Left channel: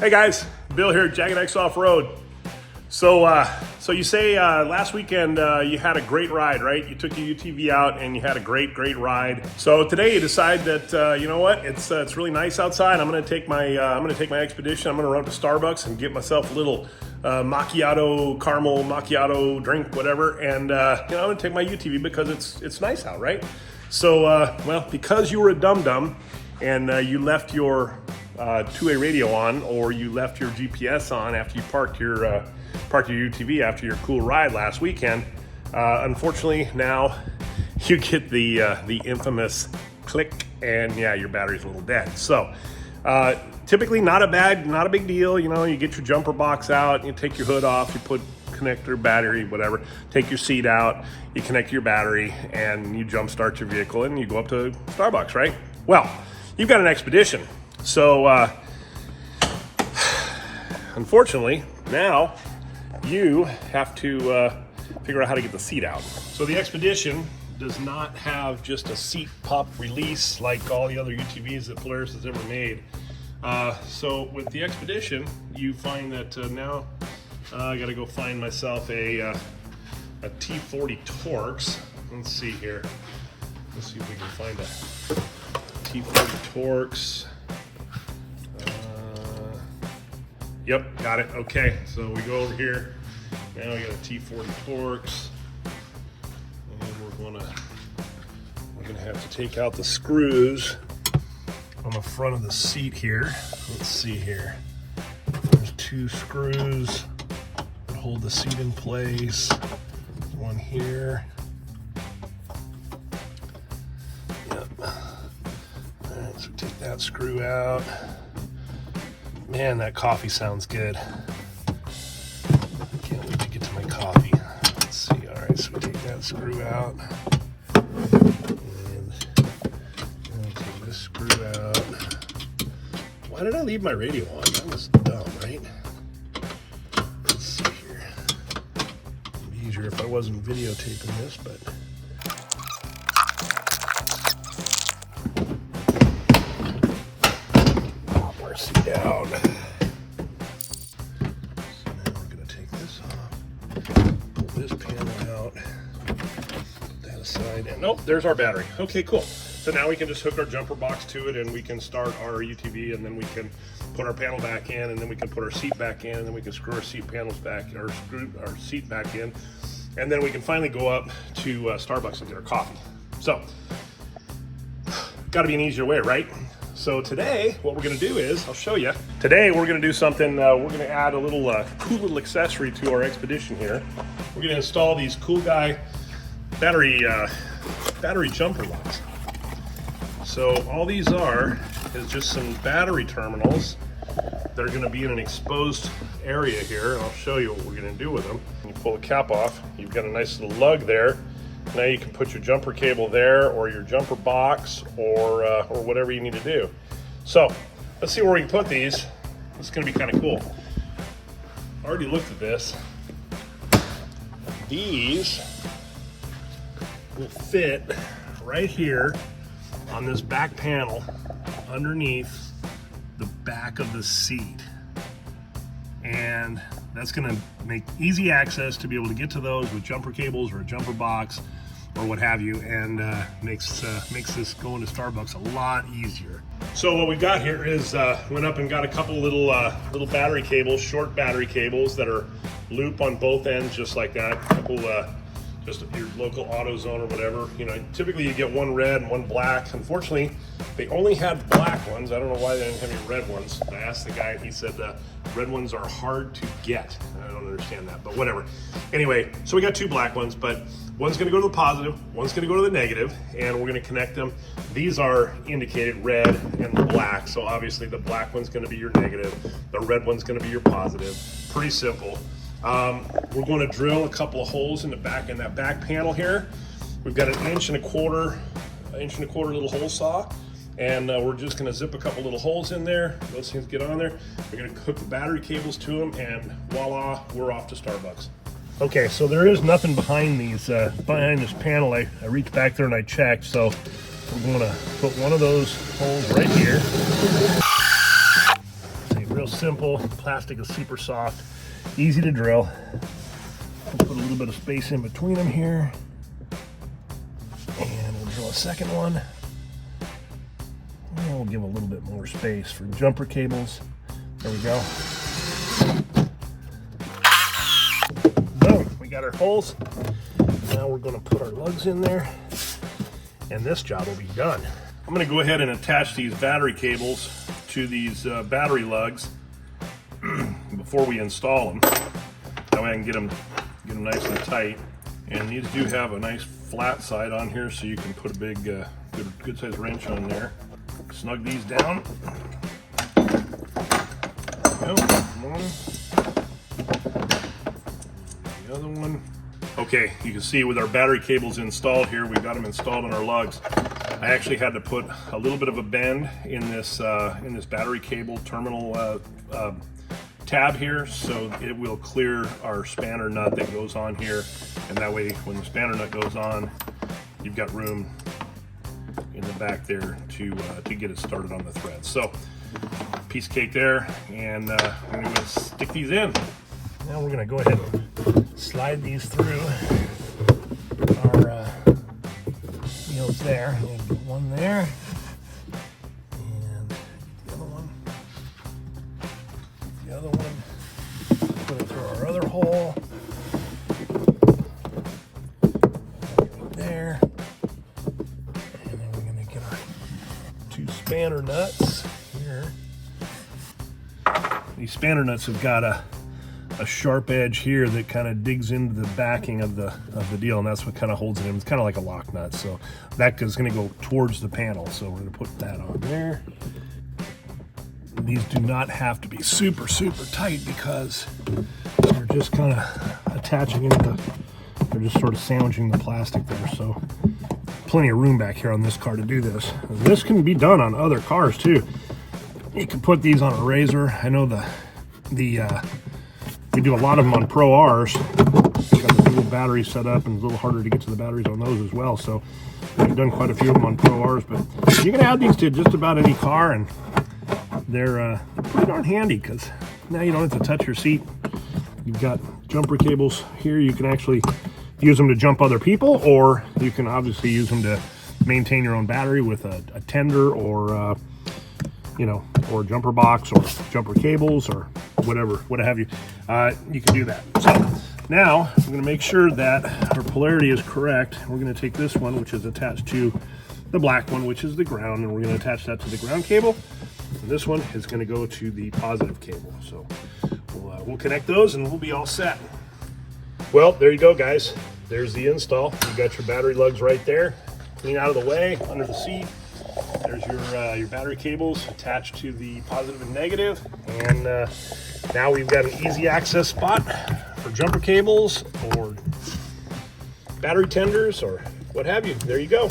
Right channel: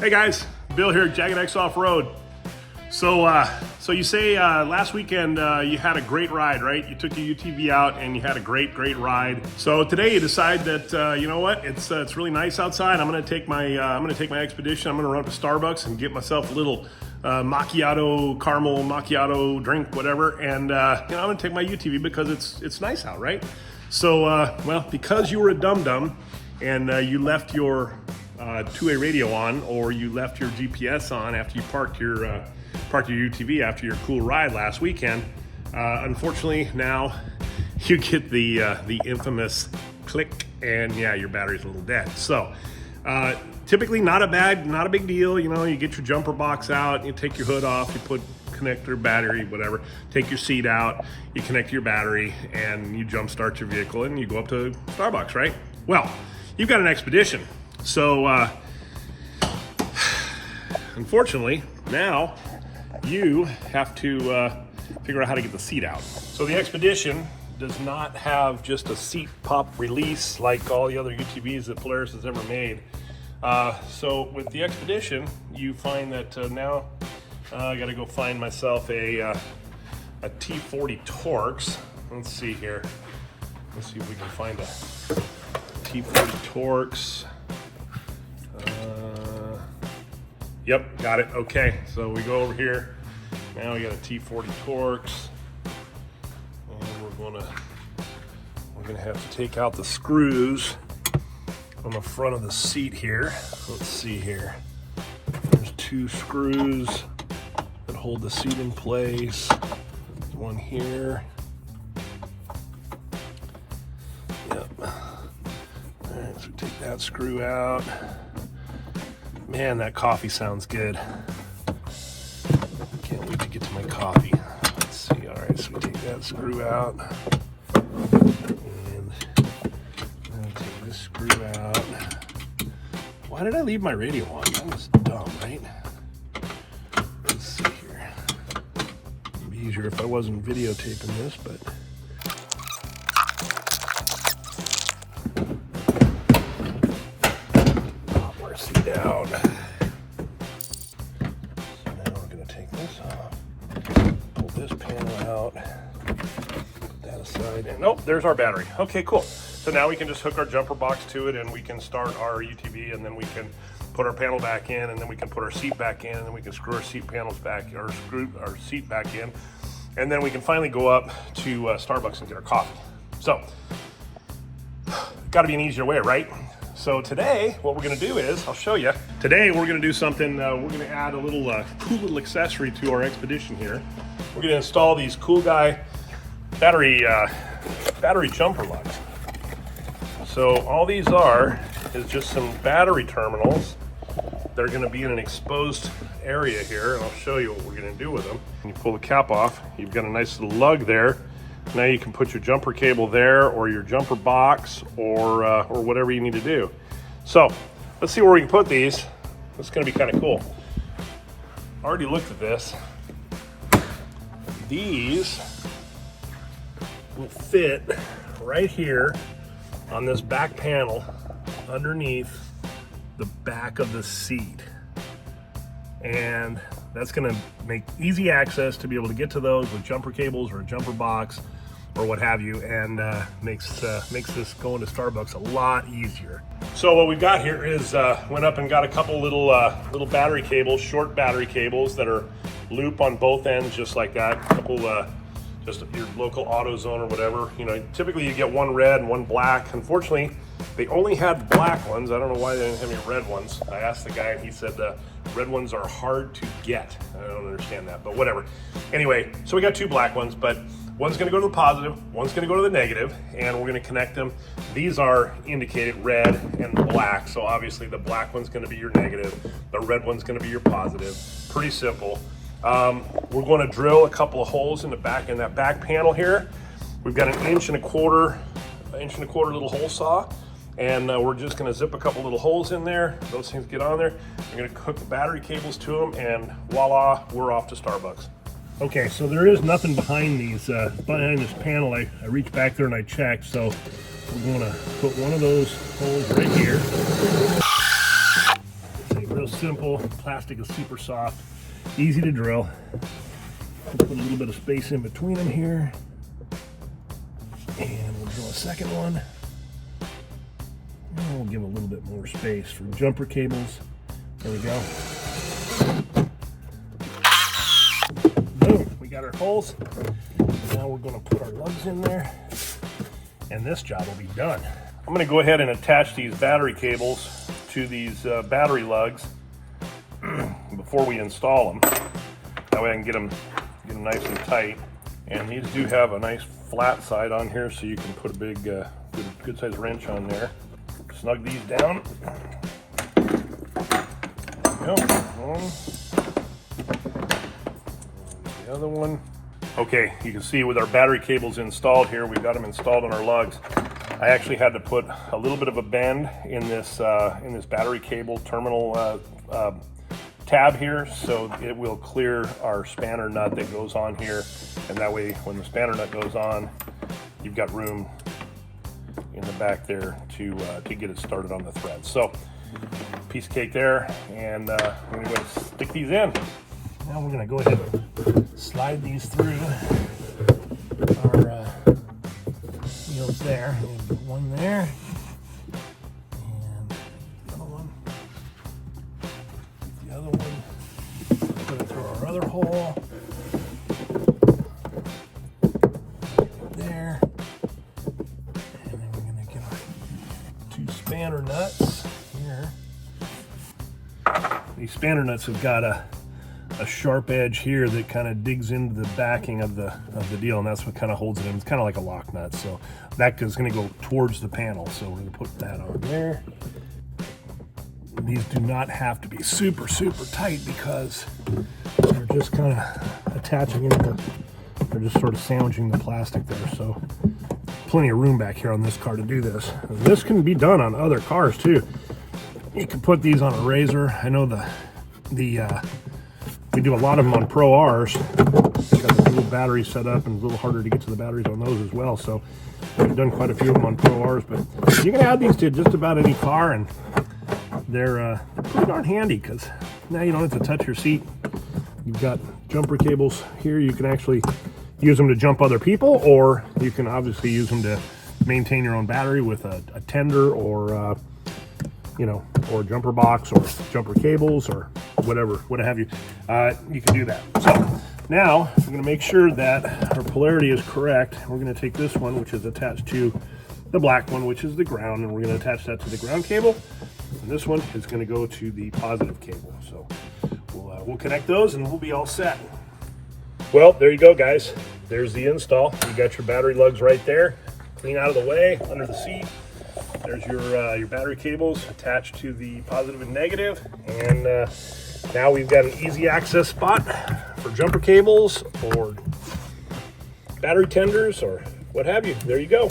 Hey guys, Bill here, Jagged X Off-Road. So you say last weekend you had a great ride, right? You took your UTV out and you had a great ride. So today you decide that you know what? It's really nice outside. I'm gonna take my Xpedition. I'm gonna run to Starbucks and get myself a little macchiato, caramel macchiato drink, whatever. And you know, I'm gonna take my UTV because it's nice out, right? So well, because you were a dum-dum and you left your two-way radio on, or you left your GPS on after you parked your UTV after your cool ride last weekend. Unfortunately, now you get the infamous click, and yeah, your battery's a little dead. So typically not a big deal. You know, you get your jumper box out, you take your hood off, you put connector, battery, whatever, take your seat out, you connect your battery, and you jump start your vehicle and you go up to Starbucks, right? Well, you've got an Xpedition. So unfortunately, now you have to figure out how to get the seat out. So the Xpedition does not have just a seat pop release like all the other UTVs that Polaris has ever made. So with the Xpedition, you find that now I gotta go find myself a T40 Torx. Let's see here. Let's see if we can find a T40 Torx. Yep, got it. Okay, so we go over here. Now we got a T40 Torx, and we're gonna have to take out the screws on the front of the seat here. Let's see here. There's two screws that hold the seat in place. One here. Yep. All right, so take that screw out. Man, that coffee sounds good. Can't wait to get to my coffee. Let's see. All right, so we take that screw out. And take this screw out. Why did I leave my radio on? That was dumb, right? Let's see here. It'd be easier if I wasn't videotaping this, but. Seat out. So now we're going to take this off, pull this panel out, put that aside, and nope, there's our battery. Okay, cool. So now we can just hook our jumper box to it, and we can start our UTV, and then we can put our panel back in, and then we can put our seat back in, and then we can screw our seat panels back, or screw our seat back in, and then we can finally go up to Starbucks and get our coffee. So, got to be an easier way, right? So today, what we're gonna do is, I'll show you. Today, we're gonna do something, we're gonna add a little cool little accessory to our Xpedition here. We're gonna install these cool guy battery jumper lights. So all these are is just some battery terminals that are gonna be in an exposed area here, and I'll show you what we're gonna do with them. When you pull the cap off, you've got a nice little lug there. Now you can put your jumper cable there, or your jumper box, or whatever you need to do. So let's see where we can put these. It's going to be kind of cool. I already looked at this. These will fit right here on this back panel underneath the back of the seat. And that's going to make easy access to be able to get to those with jumper cables or a jumper box or what have you, and makes this going to Starbucks a lot easier. So what we've got here is went up and got a couple little battery cables, short battery cables that are loop on both ends, just like that. A couple just your local AutoZone or whatever. You know, typically you get one red and one black. Unfortunately, they only had black ones. I don't know why they didn't have any red ones. I asked the guy and he said the red ones are hard to get. I don't understand that, but whatever. Anyway, so we got two black ones, but one's gonna go to the positive, one's gonna go to the negative, and we're gonna connect them. These are indicated red and black, so obviously the black one's gonna be your negative, the red one's gonna be your positive. Pretty simple. We're going to drill a couple of holes in the back, in that back panel here. We've got an inch and a quarter little hole saw, and we're just going to zip a couple little holes in there. Those things get on there. We're going to hook the battery cables to them, and voila, we're off to Starbucks. Okay, so there is nothing behind these, behind this panel. I reached back there and I checked, so we're going to put one of those holes right here. simple. Plastic is super soft, easy to drill. Put a little bit of space in between them here. And we'll drill a second one. And we'll give a little bit more space for jumper cables. There we go. Boom, we got our holes. Now we're going to put our lugs in there, and this job will be done. I'm going to go ahead and attach these battery cables to these battery lugs before we install them. That way I can get them nice and tight. And these do have a nice flat side on here, so you can put a big, good sized wrench on there. Snug these down. There we go. One. The other one. Okay, you can see with our battery cables installed here, we got them installed on our lugs. I actually had to put a little bit of a bend in this battery cable terminal tab here, so it will clear our spanner nut that goes on here, and that way when the spanner nut goes on, you've got room in the back there to get it started on the thread. So piece of cake there, and I'm going to stick these in. Now we're going to go ahead and slide these through our wheels there. We'll get one there. Other hole there, and then we're going to get our 2 spanner nuts here. These spanner nuts have got a sharp edge here that kind of digs into the backing of the deal, and that's what kind of holds it in. It's kind of like a lock nut, so that is going to go towards the panel, so we're going to put that on there. These do not have to be super tight because they're just kind of attaching into they're just sort of sandwiching the plastic there, so plenty of room back here on this car to do this. And this can be done on other cars too. You can put these on a razor. I know we do a lot of them on Pro Rs. We've got the dual battery set up, and it's a little harder to get to the batteries on those as well, so we've done quite a few of them on Pro Rs, but you can add these to just about any car, and they're pretty darn handy because now you don't have to touch your seat. You've got jumper cables here. You can actually use them to jump other people, or you can obviously use them to maintain your own battery with a tender, or or jumper box, or jumper cables, or whatever, what have you. You can do that. So now we're going to make sure that our polarity is correct. We're going to take this one, which is attached to the black one, which is the ground, and we're going to attach that to the ground cable. And this one is going to go to the positive cable. So we'll connect those and we'll be all set. Well, there you go, guys. There's the install. You got your battery lugs right there, clean out of the way, under the seat. There's your battery cables attached to the positive and negative. And now we've got an easy access spot for jumper cables or battery tenders or what have you. There you go.